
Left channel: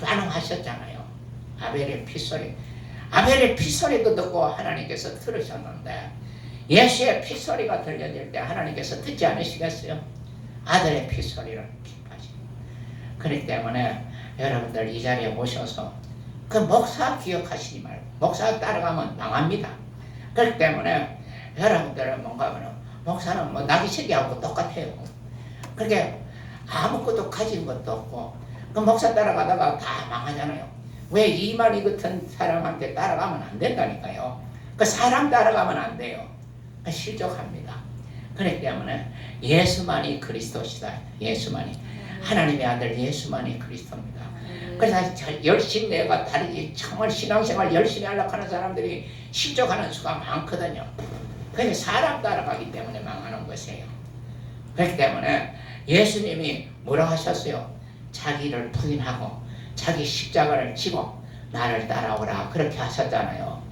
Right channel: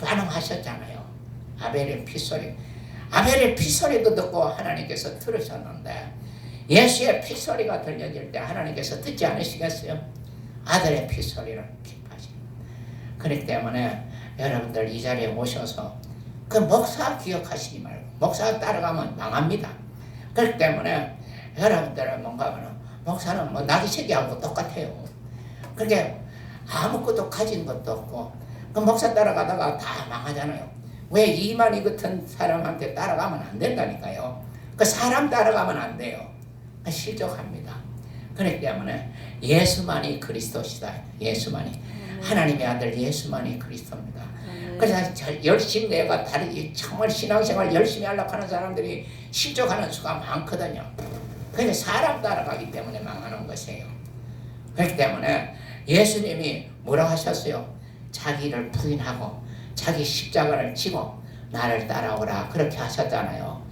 반응하셨잖아요. 아벨의 피소리. 아벨의 피소리도 듣고 하나님께서 들으셨는데 예수의 피소리가 들려질 때 하나님께서 듣지 않으시겠어요? 아들의 피소리를 기뻐하십니다. 그렇기 때문에 여러분들 이 자리에 모셔서 그 목사 기억하시지 말고 목사 따라가면 망합니다. 그렇기 때문에 여러분들은 뭔가 하면 목사는 뭐 나기새끼하고 똑같아요. 그렇게 아무것도 가진 것도 없고 그 목사 따라가다가 다 망하잖아요. 왜 이만희 같은 사람한테 따라가면 안 된다니까요. 그 사람 따라가면 안 돼요. 실족합니다. 그렇기 때문에 예수만이 그리스도시다. 예수만이 하나님의 아들 예수만이 그리스도입니다. 그래서 열심히 내가 정말 신앙생활 열심히 하려고 하는 사람들이 실족하는 수가 많거든요. 그래서 사람 따라가기 때문에 망하는 것이에요. 그렇기 때문에 예수님이 뭐라 하셨어요? 자기를 부인하고 자기 십자가를 지고 나를 따라오라 그렇게 하셨잖아요.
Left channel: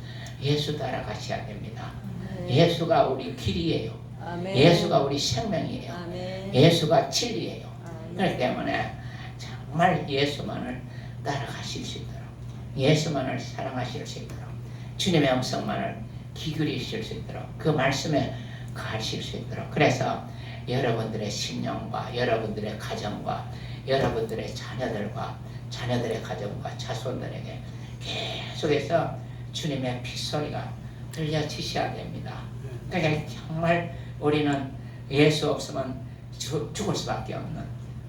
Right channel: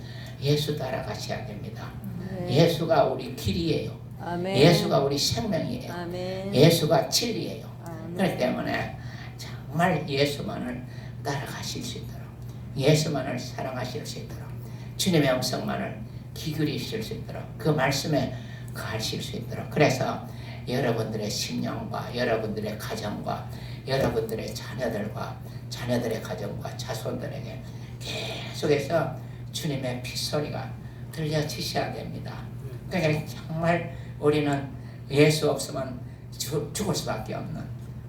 예수 따라가셔야 됩니다. 예수가 우리 길이에요. 아멘. 예수가 우리 생명이에요. 아멘. 예수가 진리예요. 아멘. 그렇기 때문에 정말 예수만을 따라가실 수 있도록 예수만을 사랑하실 수 있도록 주님의 음성만을 기울이실 수 있도록 그 말씀에 거하실 수 있도록 그래서 여러분들의 심령과 여러분들의 가정과 여러분들의 자녀들의 가정과 자손들에게 계속해서 주님의 핏소리가 들려지셔야 됩니다. 그러니까 정말 우리는 예수 없으면 죽을 수밖에 없는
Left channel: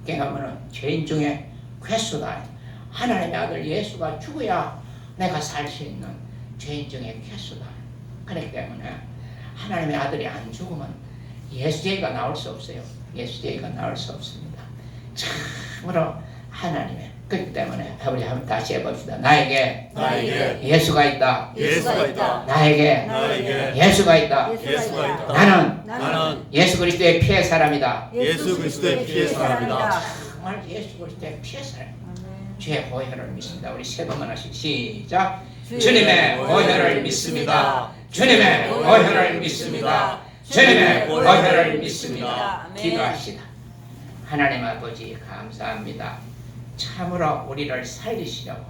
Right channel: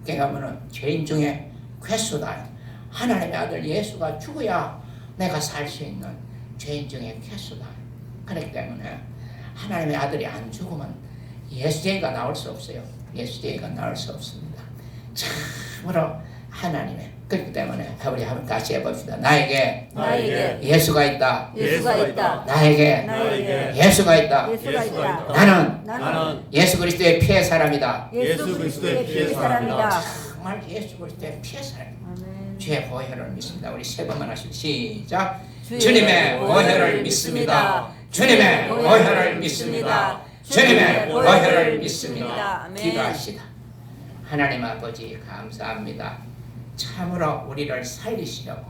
그러니까 죄인 중에 괴수다. 하나님의 아들 예수가 죽어야 내가 살 수 있는 죄인 중에 괴수다. 그렇기 때문에 하나님의 아들이 안 죽으면 예수죄가 나올 수 없어요. 예수죄가 나올 수 없습니다. 참으로 하나님의 그렇기 때문에 우리 한번 다시 해봅시다. 나에게 예수가 있다. 예수가 있다. 나에게 예수가 있다. 예수가 있다. 나는 예수 그리스도의 피의 사람이다. 예수 그리스도의 피의 사람이다. 정말 예수 그리스도의 피의 사람. 아멘. 주의 보혈을 믿습니다. 우리 세 번만 하시고 시작. 주님의 보혈을 믿습니다. 주님의 보혈을 믿습니다. 주님의 보혈을 믿습니다. 아멘. 기도하시다. 하나님 아버지 감사합니다. 참으로 우리를 살리시려고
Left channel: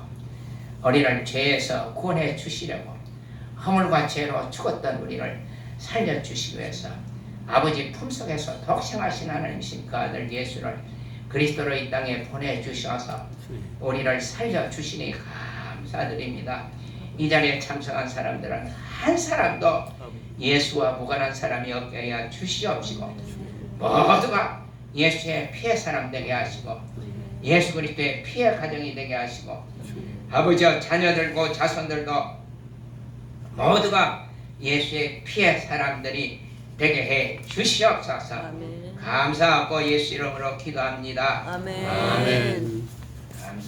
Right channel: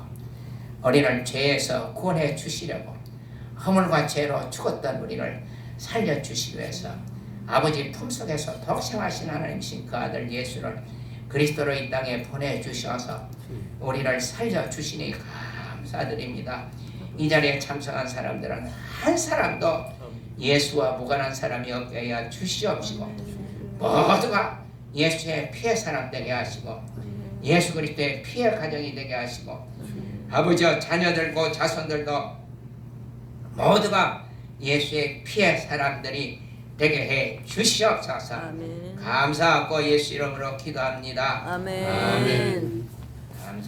우리를 죄에서 구원해 주시려고 허물과 죄로 죽었던 우리를 살려주시기 위해서 아버지 품속에서 독생하신 하나님이신 그 아들 예수를 그리스도로 이 땅에 보내주셔서 우리를 살려주시니 감사드립니다. 이 자리에 참석한 사람들은 한 사람도 예수와 무관한 사람이 없게 하여 주시옵시고 모두가 예수의 피의 사람 되게 하시고 예수 그리스도의 피의 가정이 되게 하시고 아버지와 자녀들고 자손들도 모두가 예수의 피의 사람들이 되게 해 주시옵소서. 아멘. 감사하고 예수 이름으로 기도합니다. 아멘. 아멘.